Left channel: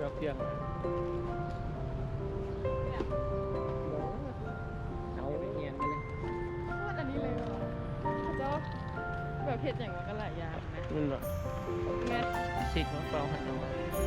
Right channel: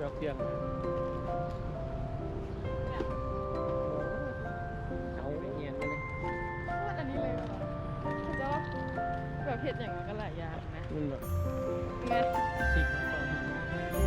กับเพียงเอาไม่เงียนกันเลย ว่าอันนี้เลยเหรอเขาจะว่าแบบเผ็ดอย่างมันก็หลายอย่างนะ มันแบบ แม่ พริกมะกอกหันมา